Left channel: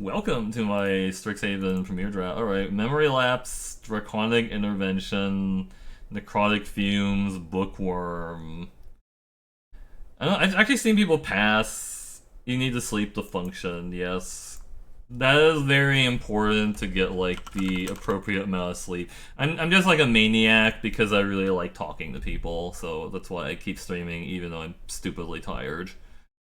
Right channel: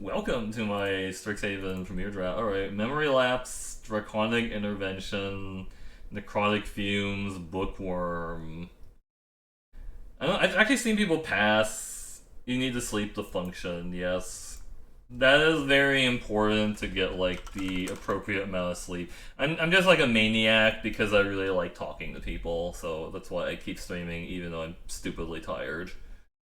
Welcome to my Strixhaven Premier Draft. Alright, Memory Lapse, Draconic Intervention, Necrotic Fumes, Bookworm. I don't know, I've actually seen people pass. You need to sleep to function, yes. That is very important to get, like, the appropriate amount of sleep. I'm just like a maniac because I really like talking to people, so that's why I keep streaming even though I'm stupidly tired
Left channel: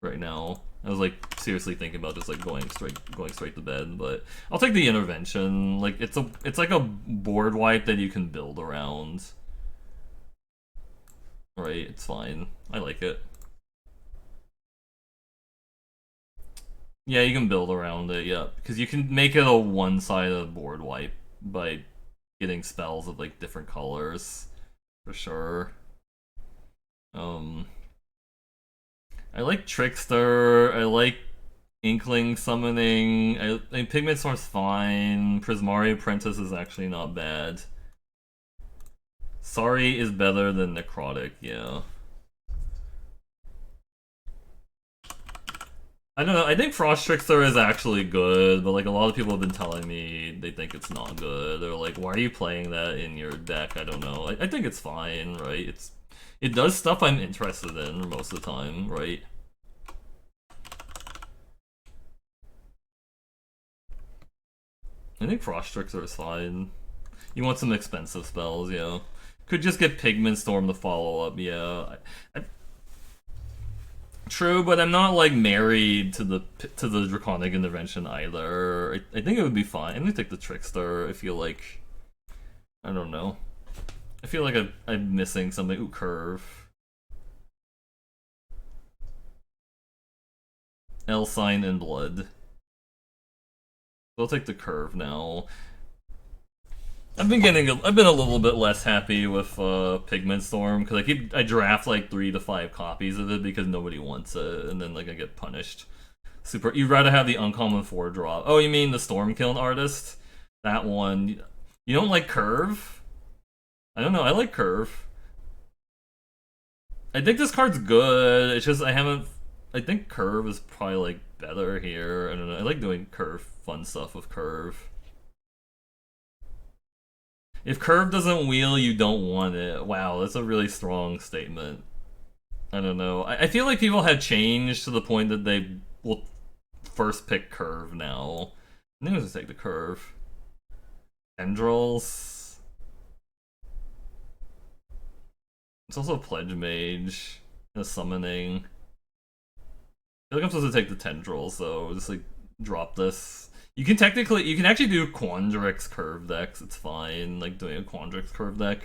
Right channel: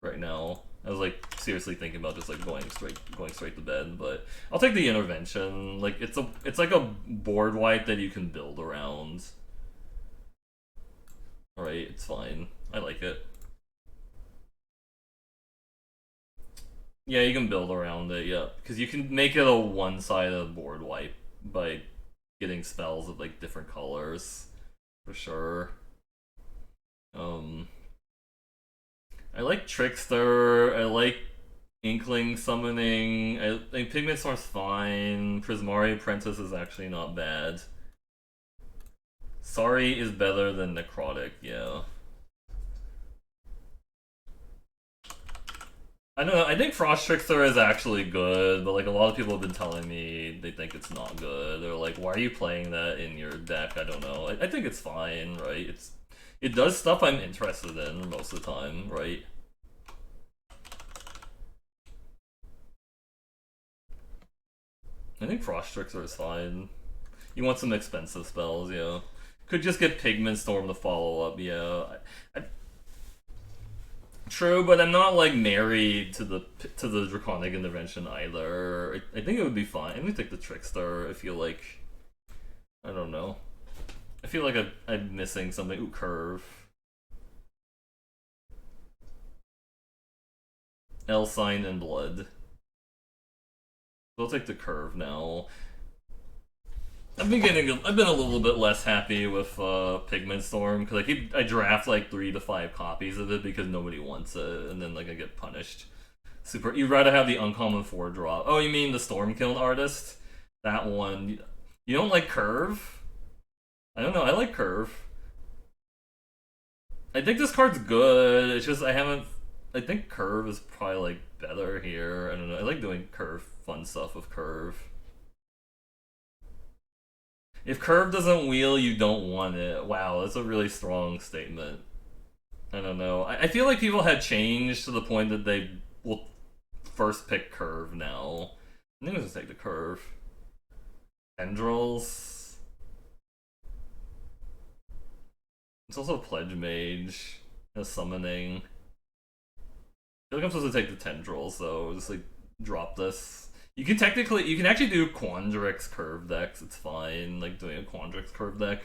right now. I was like seriously thinking about just like going straight to bed, but I'll take the intervention. Like it's like a board wipe that you can build around. Right, it's fine. I like it. Yeah, you can build around it, yeah. Because you can make it a one-sided board wipe by getting spells of like different colors. For sure. Um I like Trickster, I like Inkling Summoning. Pigment Storm's fine. Prismari Apprentice is actually not bad. Sorry is better than Necrotic, yeah. I don't know, I think Frost Trickster is actually good, but like a lot of people have been telling me they think it's not good. They're like, why are you playing that in your deck? I don't know. I think it's fine, right? It does stuff I'm interested in most of the time, right? I think Frost Trickster is fine. You want some expensive spells, yeah. Could just get Pigment Storm to follow up, yeah. True, but I'm not like married to the Draconic Intervention either. I think it would be fine. I'm gonna take the Trickster. I feel like I don't know. I feel like I'm missing something. Ooh, Curve. L sign and blood. I'll take the Curve now. I've been a little bit less happy with Pigment Storm because I draft like 3 to 5 copies of it because nobody wants it, and then like I get punished. Super. You'd rather have the uncommon 4 draw. Oh, you mean the Stormkiln artist? That one. You don't like Curve? I don't know. I like Curve. I think this card's good. It's just I haven't. I think Curve is probably like better here. I don't know. I like doing Curve fun stuff with Curve. If Curve doesn't wheel, you don't want it. Wow, that's a really strong statement. I don't know. I feel like people have changed to the point that they will first pick Curve now. I think I'll just take the Curve. Tendrils. It's also Pledge Mage. A summoning. I feel like I'm supposed to take the Tendrils, so just like drop this. You can actually do Quandrix curve decks. It's fine, like doing a Quandrix curve deck.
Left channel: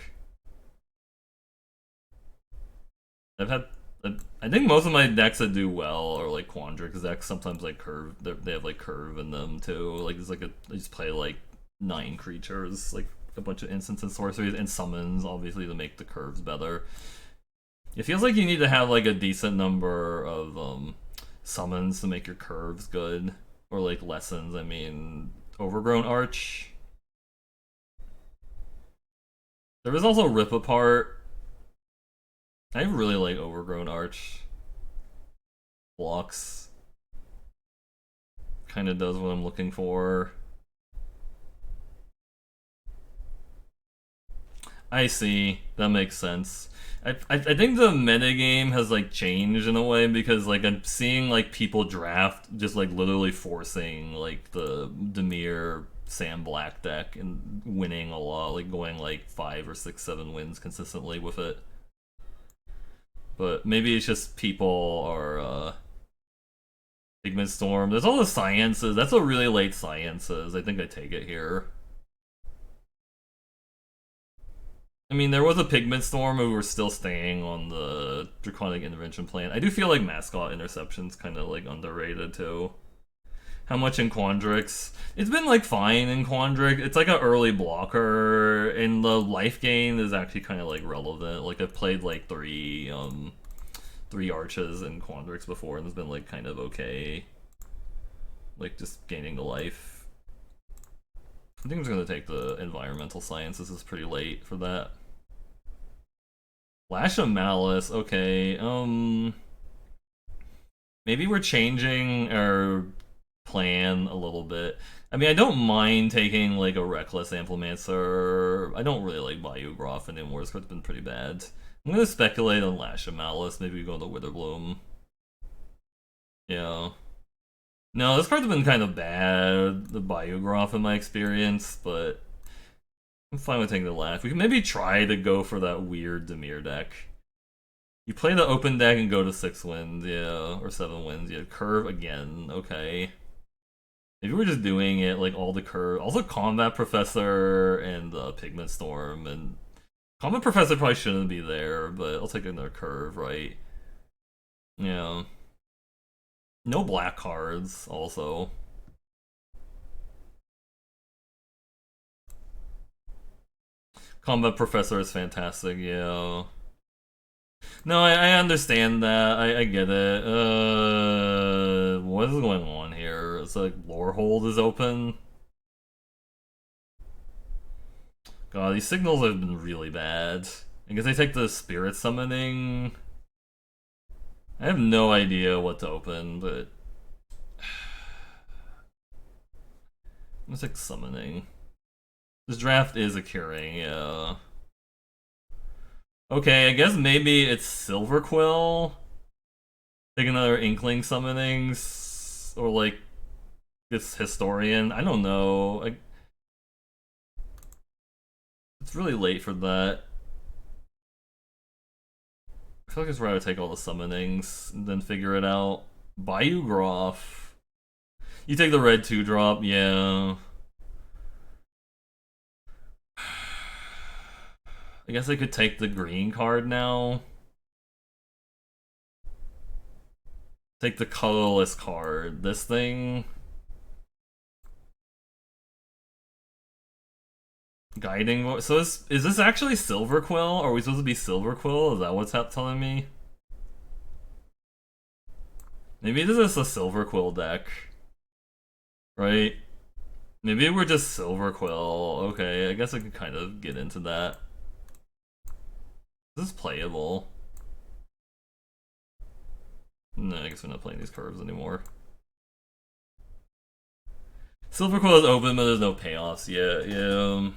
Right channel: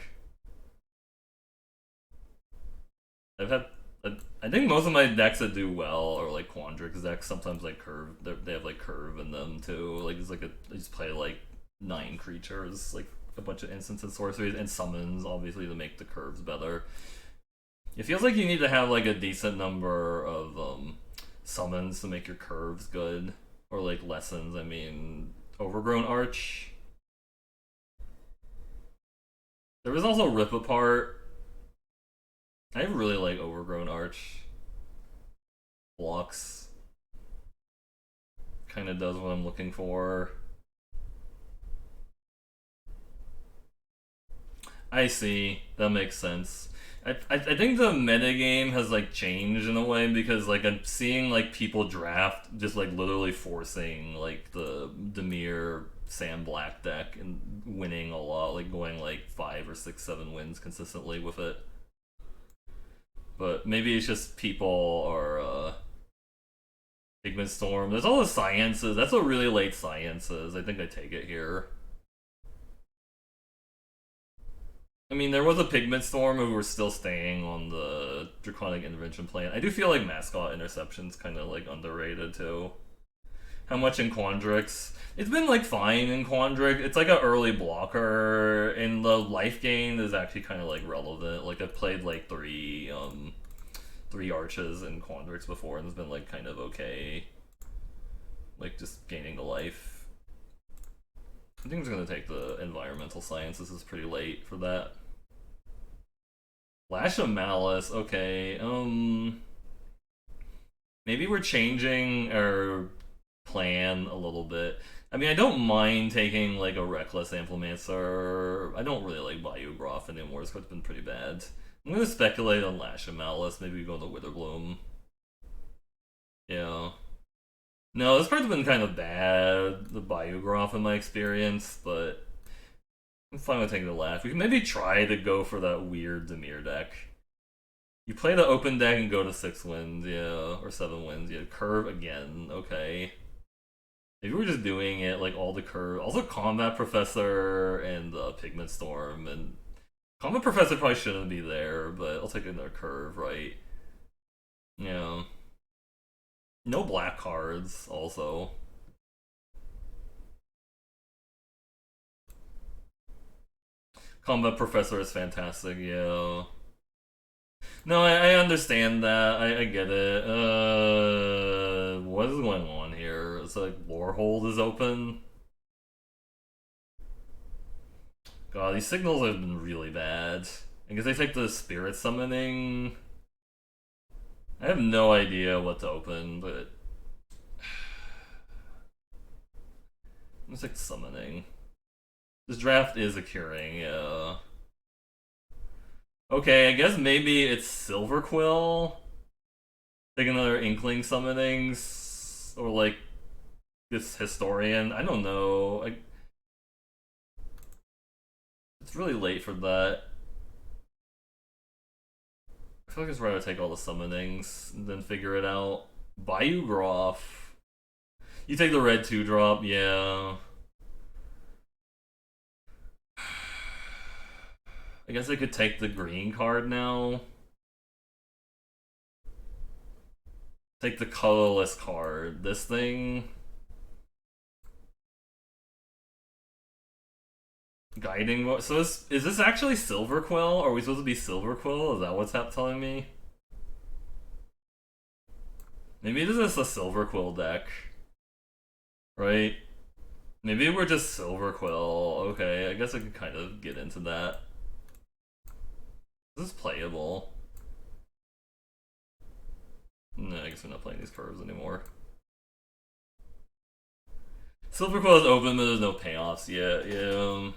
I've had, I think most of my decks that do well are like Quandrix decks. Sometimes like curve, they have like curve in them too. Like it's like they just play like 9 creatures, like a bunch of instants and sorceries and summons, obviously to make the curves better. It feels like you need to have like a decent number of summons to make your curves good, or like lessons. I mean, Overgrown Arch. There was also Rip Apart. I really like Overgrown Arch. Blocks. Kind of does what I'm looking for. I see. That makes sense. I think the metagame has like changed in a way because like I'm seeing like people draft just like literally forcing like the Demir Sam Black deck and winning a lot, like going like 5 or 6, 7 wins consistently with it. But maybe it's just people are Pigment Storm. There's all the sciences. That's a really late sciences. I think I take it here. I mean, there was a Pigment Storm who were still staying on the Draconic Intervention plan. I do feel like Mascot Interception's kind of like underrated too. How much in Quandrix? It's been like fine in Quandrix. It's like an early blocker, and the life gain is actually kind of like relevant. Like I've played like 3 arches in Quandrix before, and it's been like kind of okay. Like just gaining the life. I think I'm just gonna take the environmental science. This is pretty late for that. Lash of Malice, okay. Maybe we're changing our plan a little bit. I mean, I don't mind taking like a Reckless Amplemancer. I don't really like Bayou Groff anymore. It's been pretty bad. I'm gonna speculate on Lash of Malice. Maybe go to Witherbloom. Yeah. No, this card's been kind of bad, the Bayou Groff in my experience, but I'm fine with taking the Lash. We can maybe try to go for that weird Dimir deck. You play the open deck and go to 6 wins, yeah, or 7 wins. Yeah, curve again, okay. Maybe we're just doing it like all the curve. Also, Combat Professor and Pigment Storm, and Combat Professor probably shouldn't be there, but I'll take another curve, right? Yeah. No black cards, also. Combat Professor is fantastic, yeah. No, I understand that. I get it. What is going on here? It's like Lorehold is open. God, these signals have been really bad. I guess I take the Spirit Summoning. I have no idea what to open, but I'm gonna take Summoning. This draft is a curing, yeah. Okay, I guess maybe it's Silver Quill. Take another Inkling Summonings, or like this Historian. I don't know. It's really late for that. I feel like it's rather take all the Summonings and then figure it out. Bayou Groff. You take the red 2-drop, yeah. I guess I could take the green card now. Take the colorless card. This thing. Guiding. So is this actually Silver Quill? Are we supposed to be Silver Quill? Is that what's telling me? Maybe this is a Silver Quill deck. Right? Maybe we're just Silver Quill. Okay, I guess I could kind of get into that. This is playable. No, I guess we're not playing these curves anymore. Silver Quill is open, but there's no payoffs yet. Yeah.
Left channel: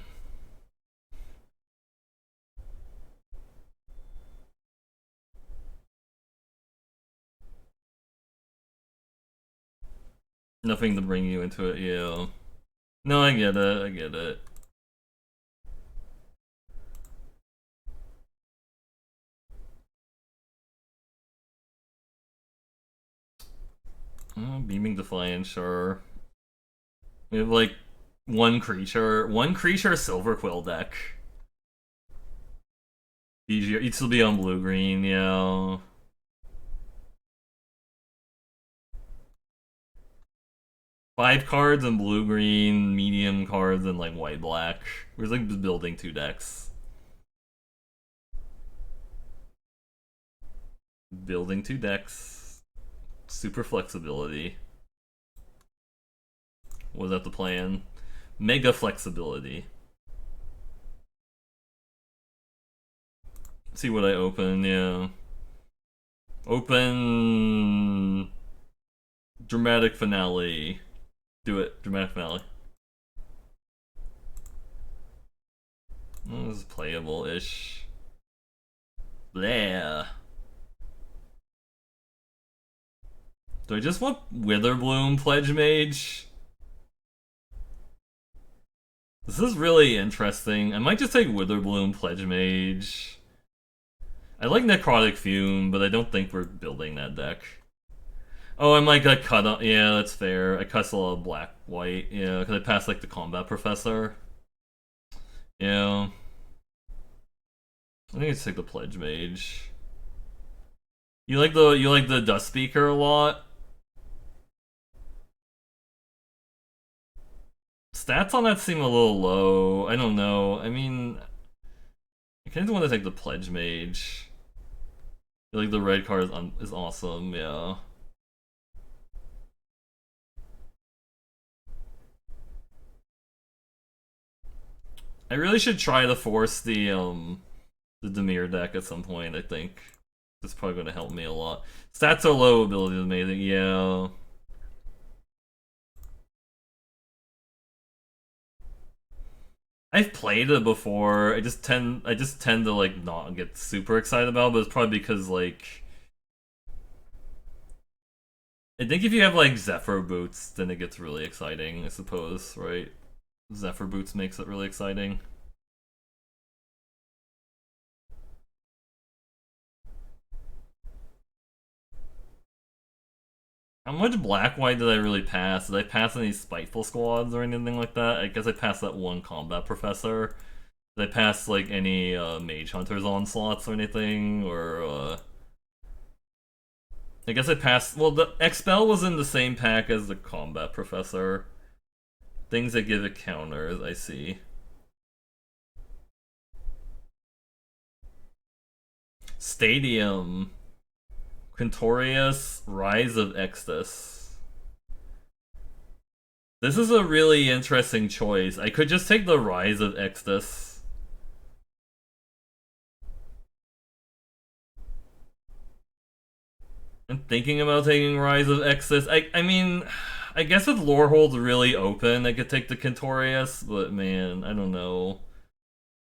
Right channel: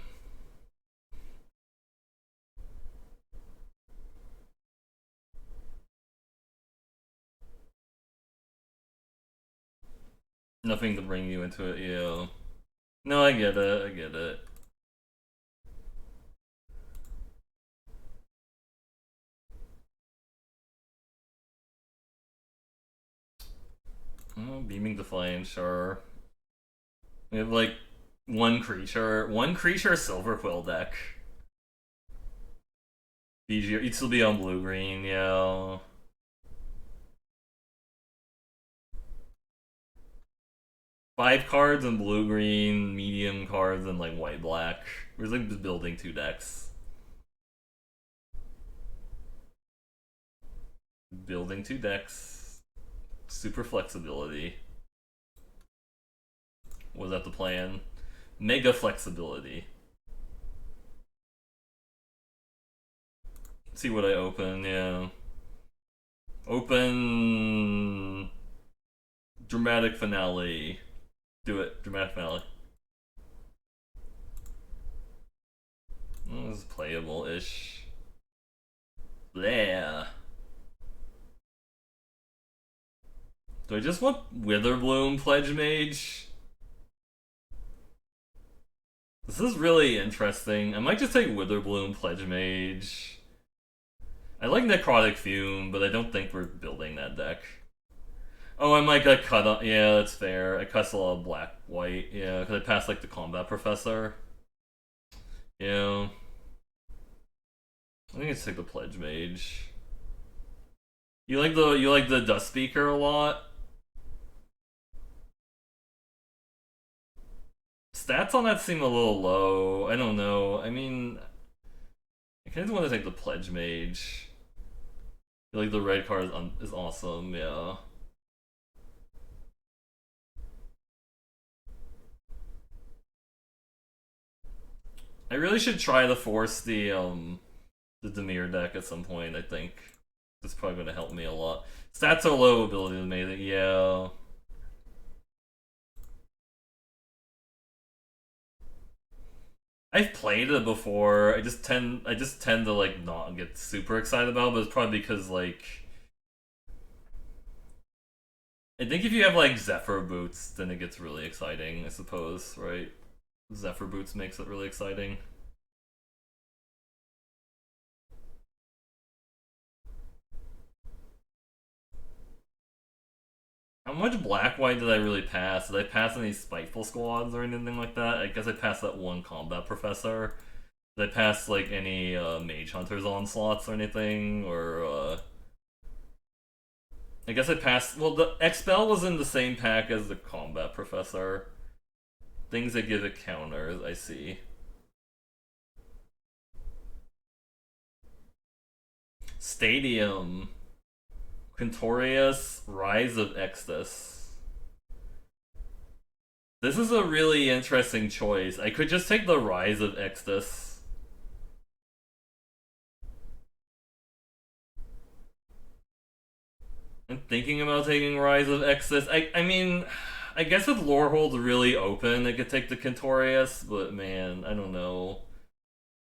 Nothing to bring you into it, yeah. No, I get it, I get it. Oh, Beaming Defiance, sure. We have like one creature Silver Quill deck. BG, you'd still be on blue green, yeah. Five cards and blue green, medium cards and like white black. We're like just building 2 decks. Building 2 decks. Super flexibility. Was that the plan? Mega flexibility. See what I open, yeah. Open dramatic finale. Do it, dramatic finale. Oh, this is playable-ish. Blah. Do I just want Witherbloom Pledge Mage? This is really interesting. I might just take Witherbloom Pledge Mage. I like Necrotic Fume, but I don't think we're building that deck. Oh, I might get cut up. Yeah, that's fair. I cuss a lot of black, white. Yeah, because I passed like the Combat Professor. Yeah. I think it's take the Pledge Mage. You like the Dust Speaker a lot? Stats on that seem a little low. I don't know. I mean, I kind of want to take the Pledge Mage. I feel like the red card is awesome. Yeah. I really should try to force the Dimir deck at some point. I think that's probably going to help me a lot. Stats are low, ability is amazing. Yeah. I've played it before. I just tend to like not get super excited about it, but it's probably because like I think if you have like Zephyr boots, then it gets really exciting, I suppose, right? Zephyr boots makes it really exciting. How much black white did I really pass? Did I pass any spiteful squads or anything like that? I guess I passed that one combat professor. Did I pass like any mage hunters onslaughts or anything? Or I guess I passed. Well, the expel was in the same pack as the combat professor. Things that give it counters. I see. Stadium. Quintorius, Rise of Extus. This is a really interesting choice. I could just take the Rise of Extus. I'm thinking about taking Rise of Extus. I mean, I guess if lore holds really open, I could take the Quintorius, but man, I don't know.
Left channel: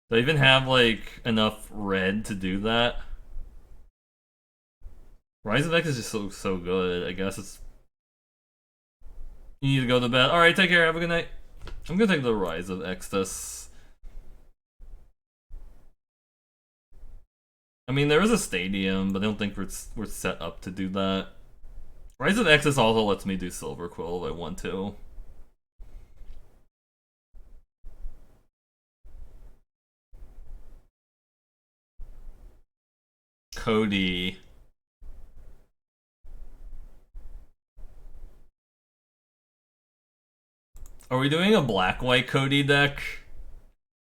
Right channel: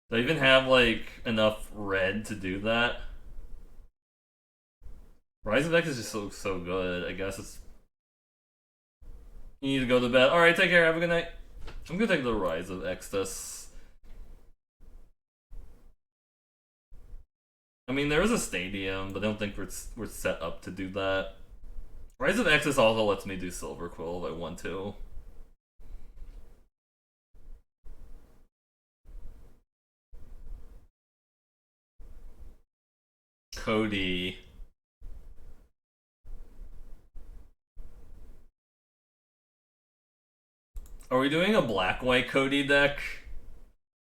Do I even have like enough red to do that? Rise of X is just so good. I guess it's you need to go to bed. All right, take care. Have a good night. I'm gonna take the Rise of Extus. I mean, there is a stadium, but I don't think we're set up to do that. Rise of Extus also lets me do Silver Quill if I want to. Cody. Are we doing a black white Cody deck?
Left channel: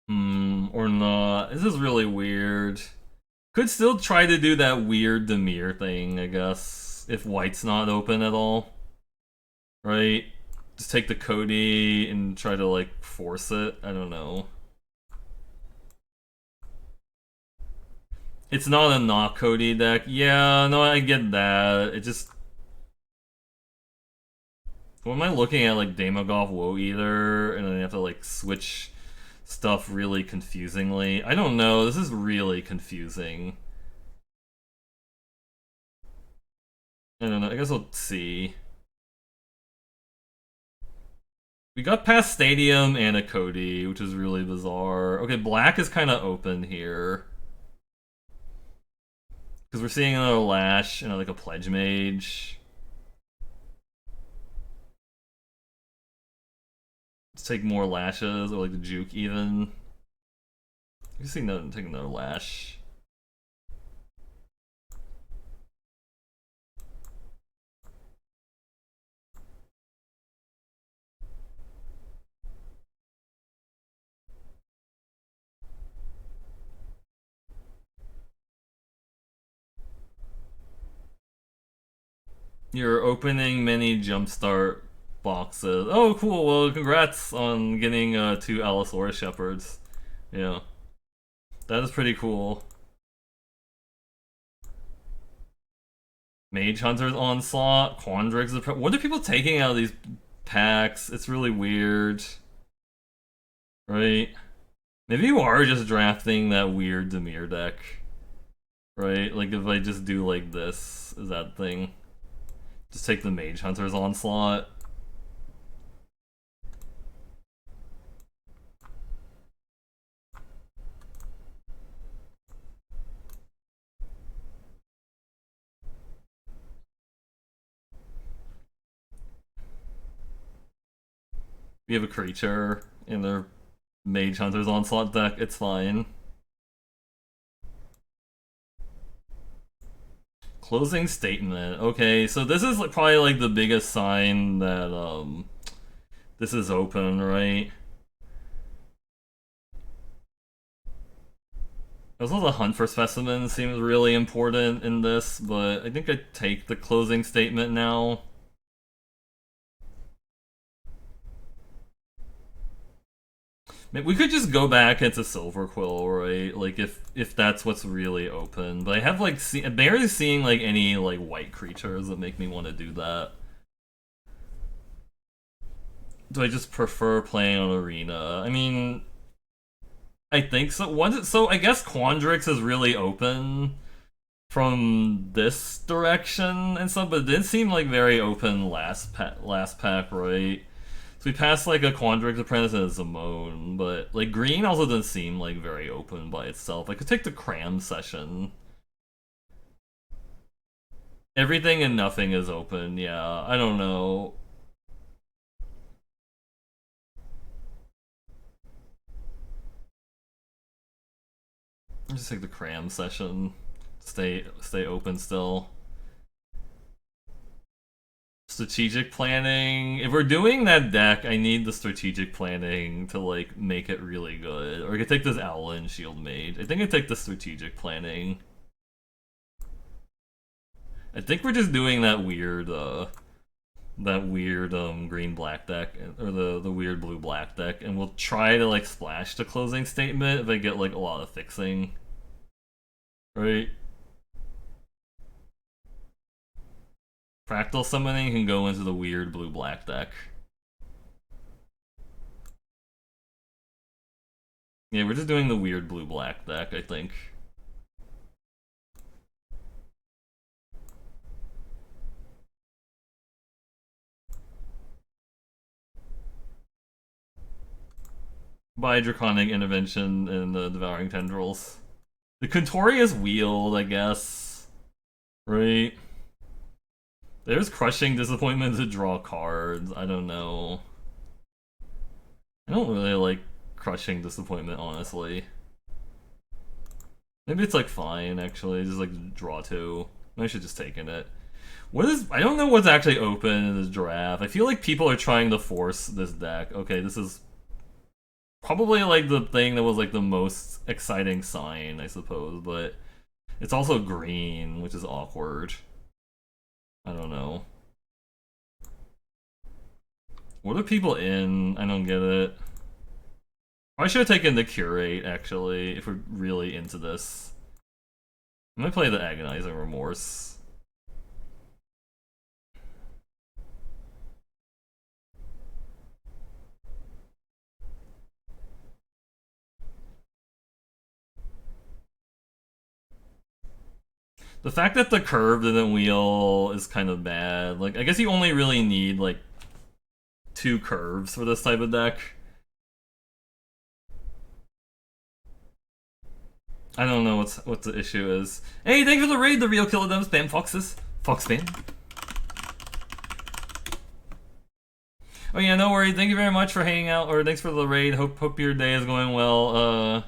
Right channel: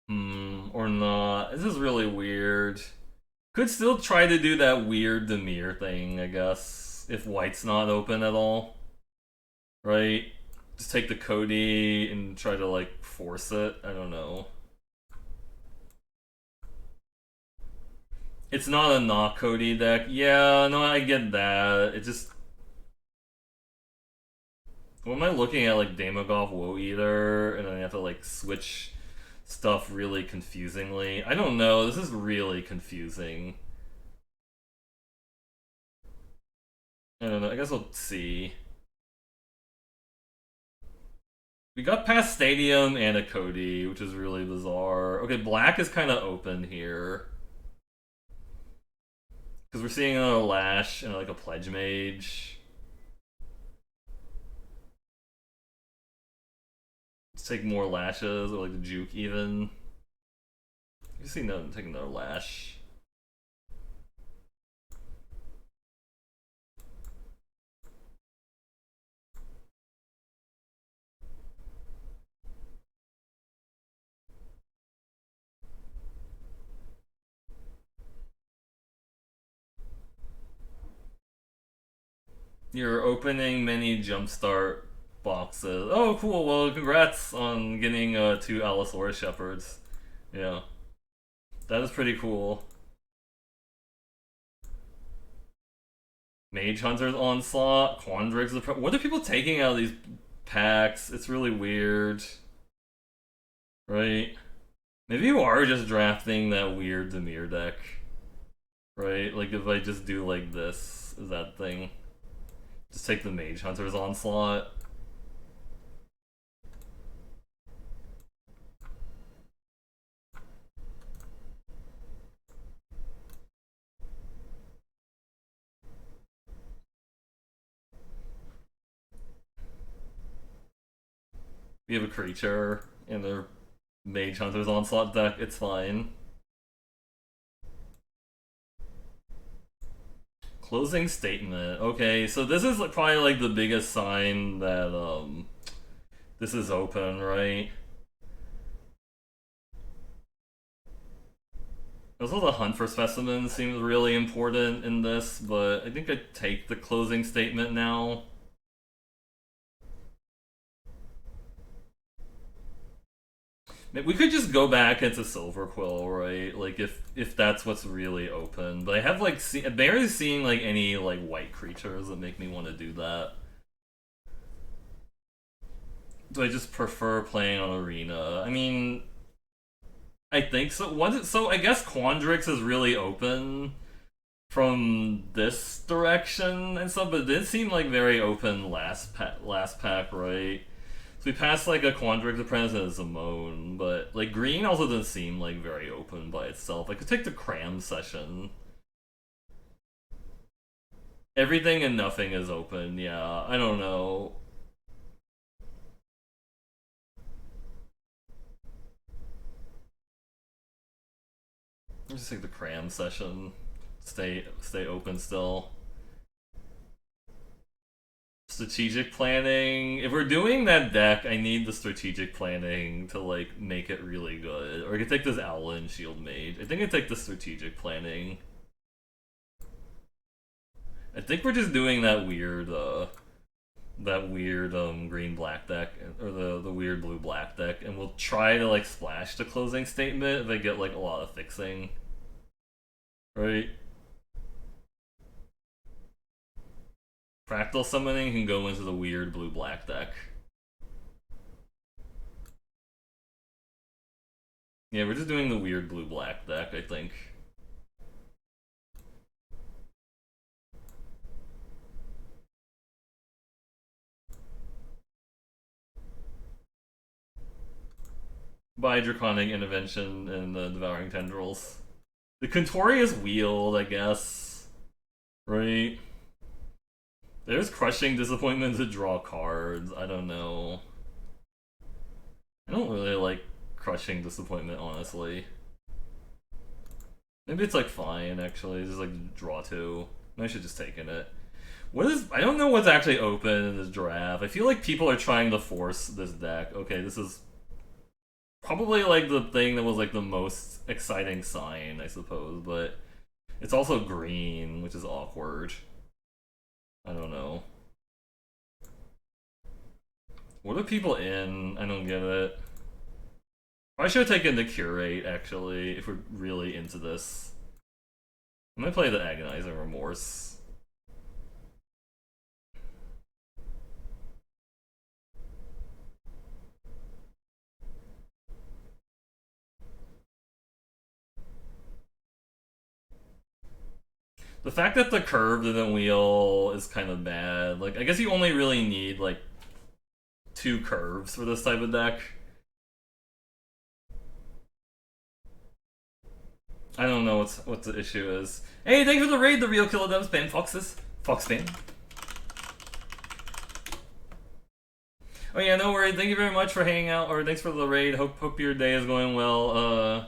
Or not? This is really weird. Could still try to do that weird Demir thing, I guess, if white's not open at all. Right? Just take the Cody and try to, like, force it. I don't know. It's not a not Cody deck. Yeah, no, I get that. It just. What am I looking at? Like, Damagov Woe Eater, and then you have to, like, switch stuff really confusingly. I don't know. This is really confusing. I don't know. I guess we'll see. We got past Stadium and a Cody, which is really bizarre. Okay, black is kind of open here. Because we're seeing another Lash and like a Pledge Mage. Let's take more Lashes, or like the Juke even. You see no take another Lash. You're opening many Jumpstart boxes. Oh, cool. Well, congrats on getting two Allosaurus Shepherds. Yeah, that is pretty cool. Mage Hunter's Onslaught, Quandrix. What are people taking out of these packs? It's really weird, right? Maybe you are just drafting that weird Demir deck, right? Like if I just do like this, is that thing? Just take the Mage Hunter's Onslaught. We have a creature in their Mage Hunter's Onslaught deck, it's fine. Closing statement. Okay, so this is probably like the biggest sign that this is open, right? Also, the hunt for specimens seems really important in this, but I think I'd take the closing statement now. Maybe we could just go back into Silver Quill, right? Like if that's what's really open. But I have like I'm barely seeing like any like white creatures that make me want to do that. Do I just prefer playing on Arena? I mean, I think so. Was it so? I guess Quandrix is really open from this direction and stuff, but it did seem like very open last pack, right? So we passed like a Quandrix Apprentice and a Zamone, but like green also doesn't seem like very open by itself. I could take the Cram session. Everything and nothing is open, yeah. I don't know. Just take the Cram session. Stay open still. Strategic planning. If we're doing that deck, I need the strategic planning to like make it really good. Or I could take this Owlin Shield Mage. I think I take the strategic planning. I think we're just doing that weird green black deck or the weird blue black deck, and we'll try to like splash the closing statement if I get like a lot of fixing. Right? Fractal summoning can go into the weird blue black deck. Yeah, we're just doing the weird blue black deck, I think. By Draconic Intervention and the Devouring Tendrils. The Contorious Wield, I guess. Right? There's Crushing Disappointment to draw cards. I don't know. I don't really like Crushing Disappointment, honestly. Maybe it's like fine, actually. Just like draw two. I should just taken it. What is? I don't know what's actually open in this draft. I feel like people are trying to force this deck. Okay, this is probably like the thing that was like the most exciting sign, I suppose, but it's also green, which is awkward. I don't know. What are people in? I don't get it. I should have taken the Curate, actually, if we're really into this. I'm gonna play the Agonizing Remorse. The fact that the curve didn't wheel is kind of bad. Like, I guess you only really need, like, two curves for this type of deck. I don't know what the issue is. Hey, thanks for the raid, the real killer them spam foxes. Fox spam. Oh yeah, no worry. Thank you very much for hanging out, or thanks for the raid. Hope your day is going well.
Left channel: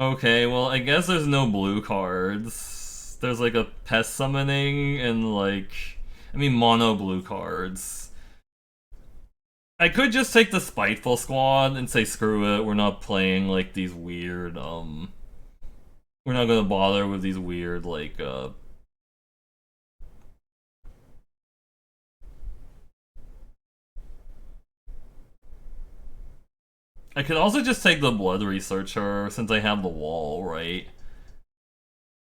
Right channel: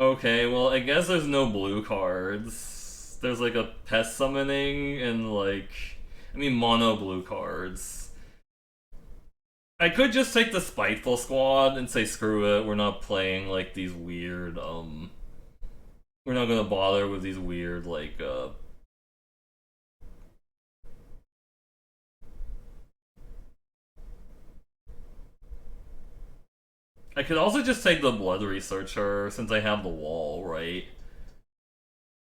Okay, well, I guess there's no blue cards. There's like a pest summoning and like, I mean, mono blue cards. I could just take the Spiteful Squad and say screw it, we're not playing like these weird, we're not gonna bother with these weird, like, I could also just take the Blood Researcher since I have the wall, right?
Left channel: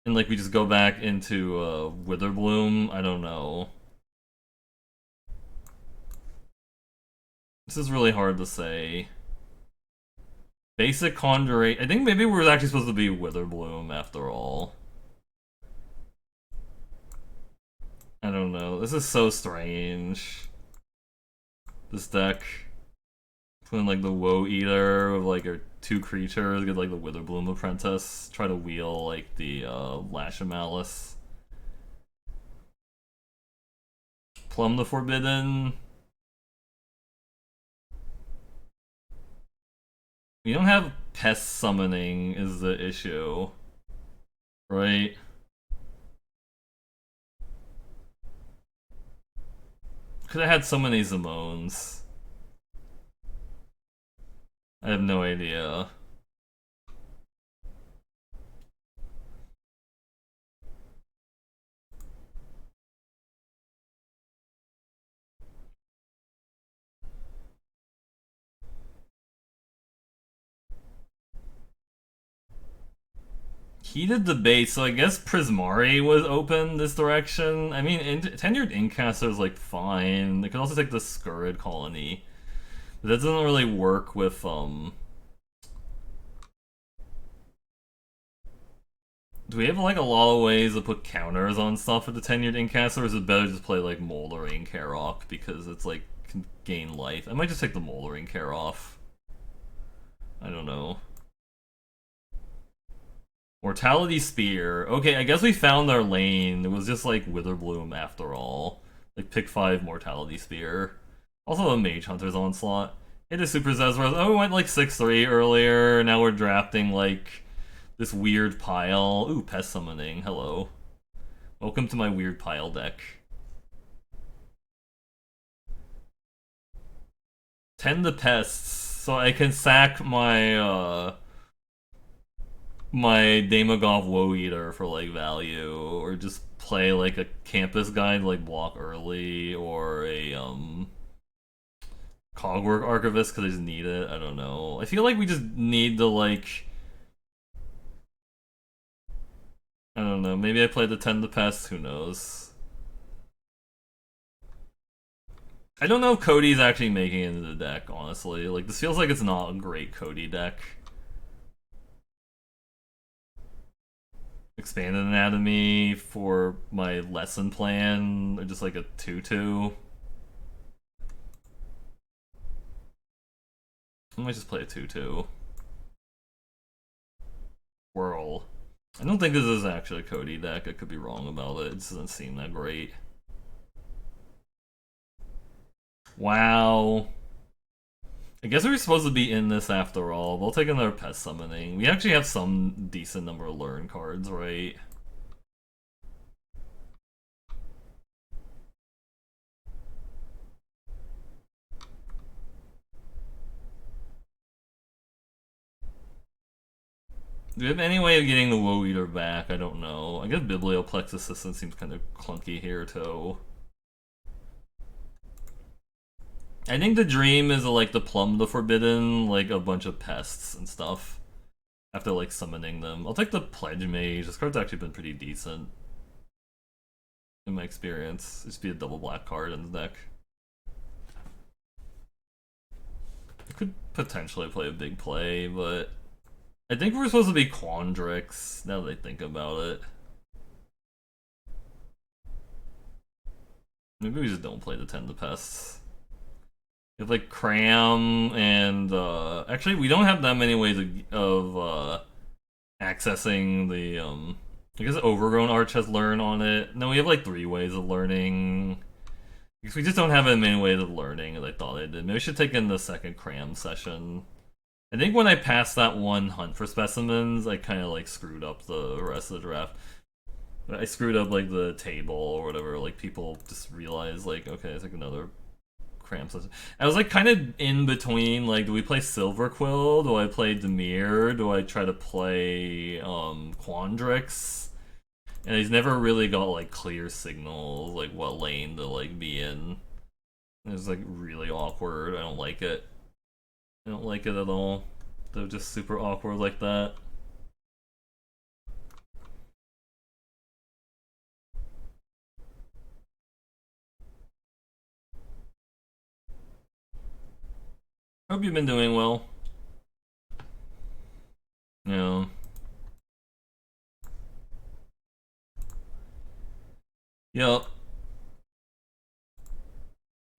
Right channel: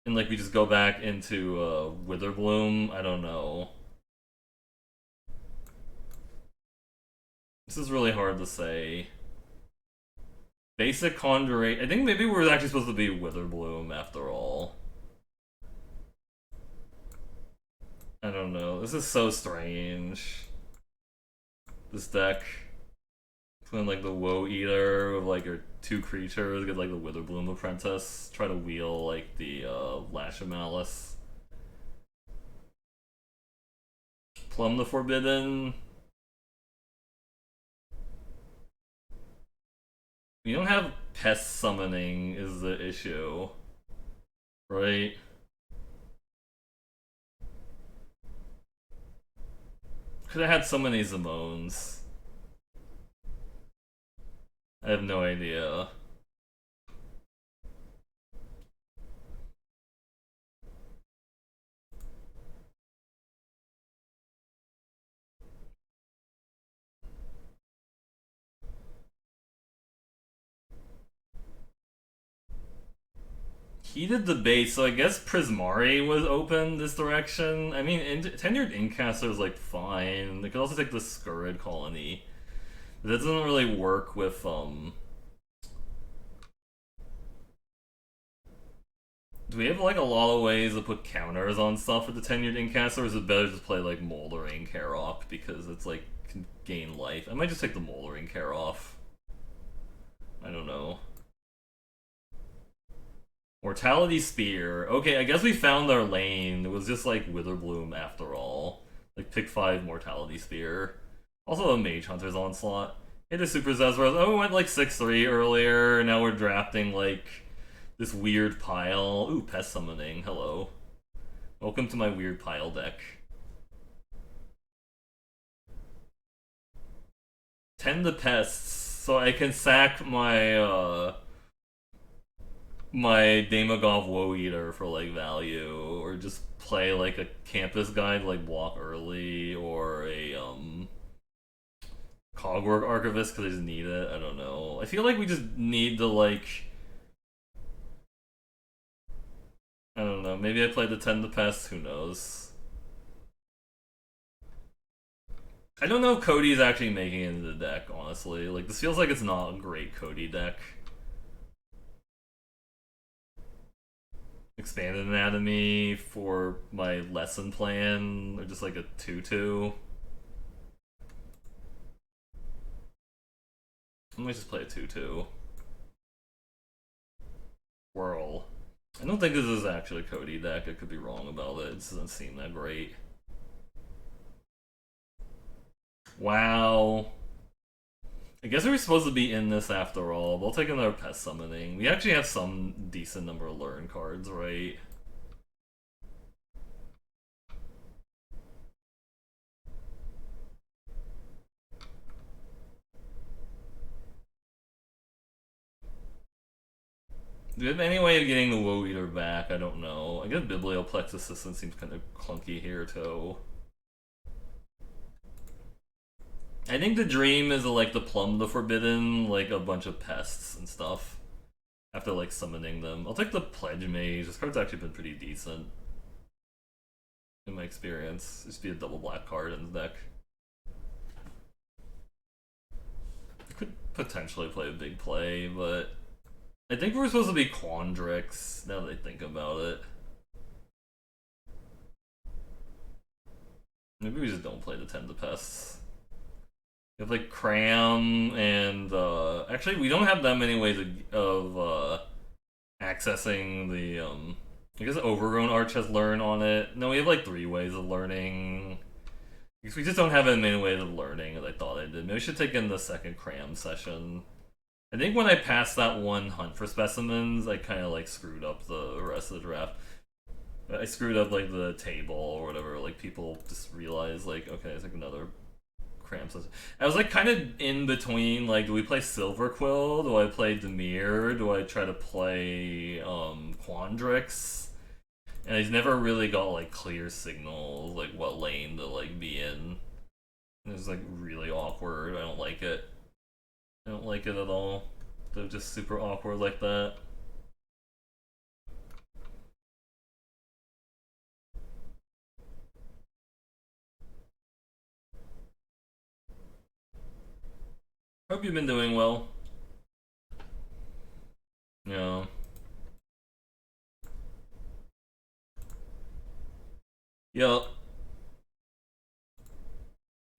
And like we just go back into Witherbloom. I don't know. This is really hard to say. Basic Conjurate. I think maybe we're actually supposed to be Witherbloom after all. I don't know. This is so strange. This deck. Between like the Woe Eater with like our two creatures, get like the Witherbloom Apprentice, try to wheel like the Lash of Malice. Plumb the Forbidden. We don't have pest summoning is the issue. Right? Could have had so many Zamones. I have no idea. Heated debate, so I guess Prismari was open this direction. I mean, Tenured Incaster is like fine. They could also take the Scurrid Colony. That doesn't really work with do we have like a lot of ways to put counters on stuff with the tenured Incaster, or is it better just play like Moldering Karok because it's like can gain life? I might just take the Moldering Care off. I don't know. Mortality Spear. Okay, I guess we found our lane. It was just like Witherbloom after all. Like pick 5 Mortality Spear. Also a Mage Hunter's Onslaught. Hit a Super Zezros. Oh, we went like 6-3 earlier. Now we're drafting like this weird pile. Ooh, Pest Summoning. Hello. Welcome to my weird pile deck. Tend the Pests. So I can sack my Damagov Woe Eater for like value, or just play like a campus guy to like block early, or a Cogwork Archivist because I just need it. I don't know. I feel like we just need to like I don't know. Maybe I played the Tend the Pest. Who knows? I don't know if Cody's actually making it into the deck. Honestly, like this feels like it's not a great Cody deck. Expanded Anatomy for my lesson plan, or just like a 2/2. I might just play a 2/2. Whirl. I don't think this is actually a Cody deck. I could be wrong about it. It doesn't seem that great. Wow. I guess we were supposed to be in this after all. We'll take another Pest Summoning. We actually have some decent number of Learn cards, right? Do we have any way of getting the Woe Eater back? I don't know. I guess Biblioplex Assistant seems kind of clunky here, too. I think the dream is like the Plumb the Forbidden, like a bunch of pests and stuff. After like summoning them. I'll take the Pledge Mage. This card's actually been pretty decent. In my experience. Just be a double black card in the deck. I could potentially play a big play, but I think we're supposed to be Quandrix, now that I think about it. Maybe we just don't play the Tend the Pests. We have like Cram and actually we don't have that many ways of accessing the I guess Overgrown Arch has Learn on it. No, we have like 3 ways of learning. Because we just don't have as many ways of learning as I thought I did. Maybe we should take in the second Cram session. I think when I passed that one Hunt for Specimens, I kind of like screwed up the rest of the draft. I screwed up like the table or whatever. Like people just realized like, okay, it's like another Cram session. I was like kind of in between. Like, do we play Silver Quill? Do I play Demir? Do I try to play Quandrix? And he's never really got like clear signals like what lane to like be in. It's like really awkward. I don't like it. I don't like it at all. They're just super awkward like that. Hope you've been doing well. Yeah. Yep.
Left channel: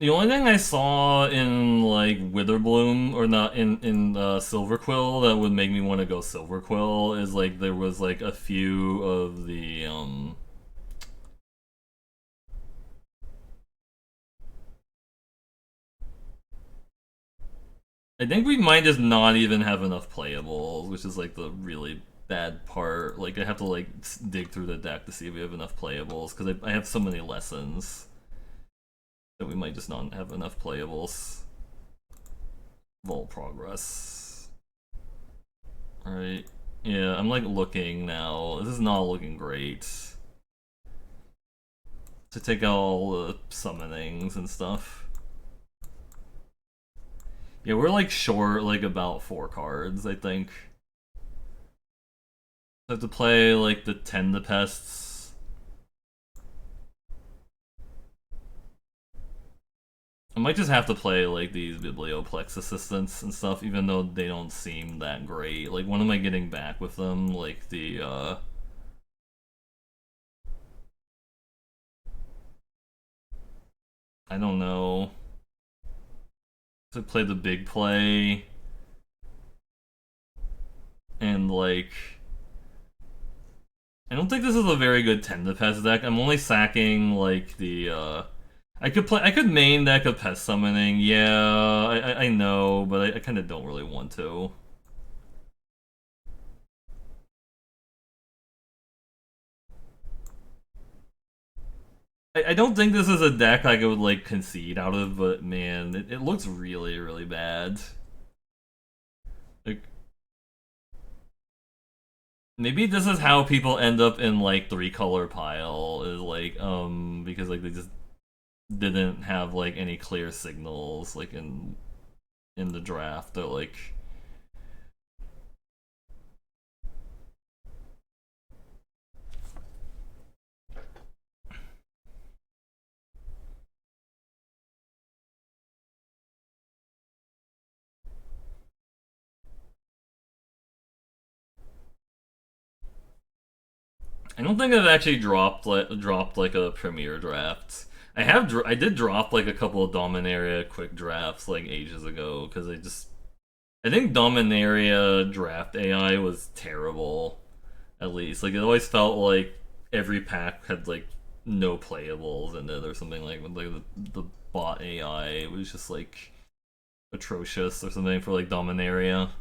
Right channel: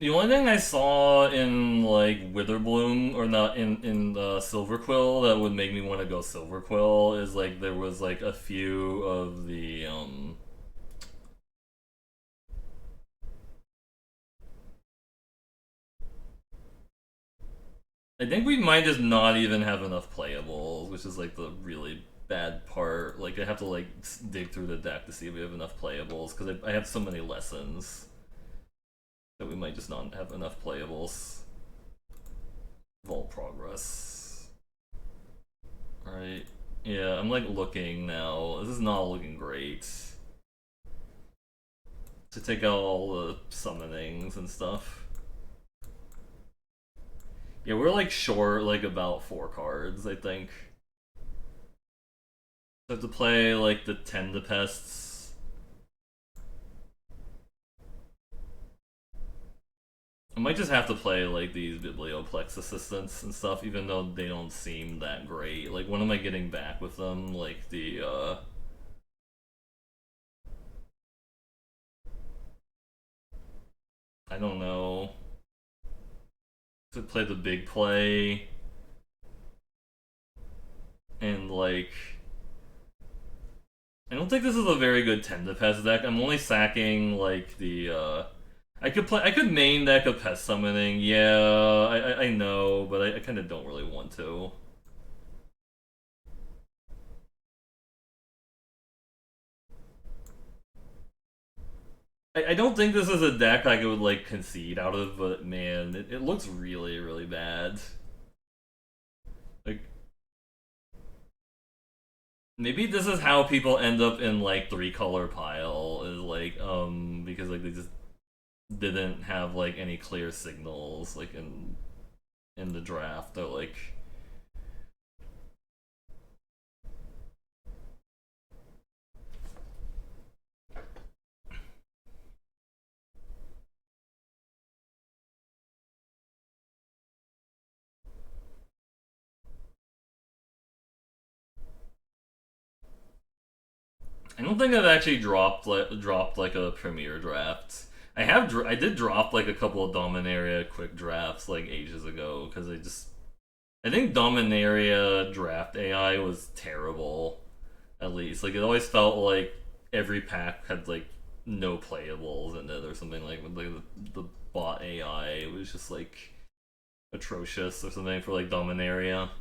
The only thing I saw in like Witherbloom, or not in Silverquill, that would make me want to go Silverquill is like there was like a few of the I think we might just not even have enough playables, which is like the really bad part. Like I have to like dig through the deck to see if we have enough playables because I have so many lessons that we might just not have enough playables. Vault progress. Alright. Yeah, I'm like looking now. This is not looking great. To take out all the summonings and stuff. Yeah, we're like short like about 4 cards, I think. I have to play like the Tend the Pests. I might just have to play like these Biblioplex assistants and stuff, even though they don't seem that great. Like, when am I getting back with them? Like I don't know. To play the big play and like I don't think this is a very good Tentapest deck. I'm only sacking like I could main deck a pest summoning, yeah, I know, but I kinda don't really want to. I don't think this is a deck I would like concede out of, but man, it looks really, really bad. Like maybe this is how people end up in like three color pile is like because like they just didn't have like any clear signals like in the draft. They're like I don't think I've actually dropped like a premier draft. I did drop like a couple of Dominaria quick drafts like ages ago because I think Dominaria draft AI was terrible. At least like it always felt like every pack had like no playables in it or something like with like the bot AI was just like atrocious or something for like Dominaria.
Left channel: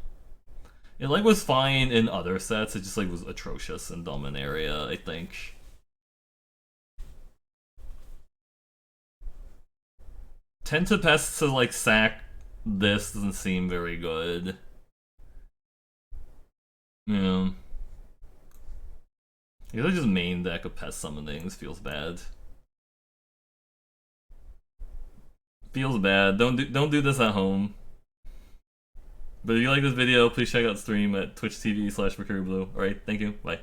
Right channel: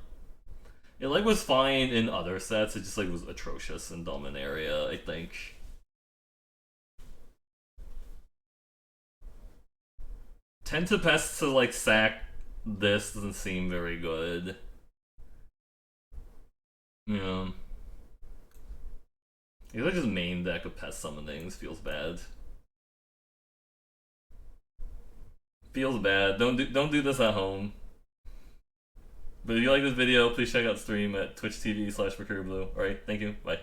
It like was fine in other sets. It just like was atrocious in Dominaria. I think. Tend to best to like sack this doesn't seem very good. Yeah. I guess I just main deck of pest summonings feels bad. Feels bad. Don't do this at home. But if you like this video, please check out the stream at twitch.tv/MercurioBlue. Alright, thank you. Bye.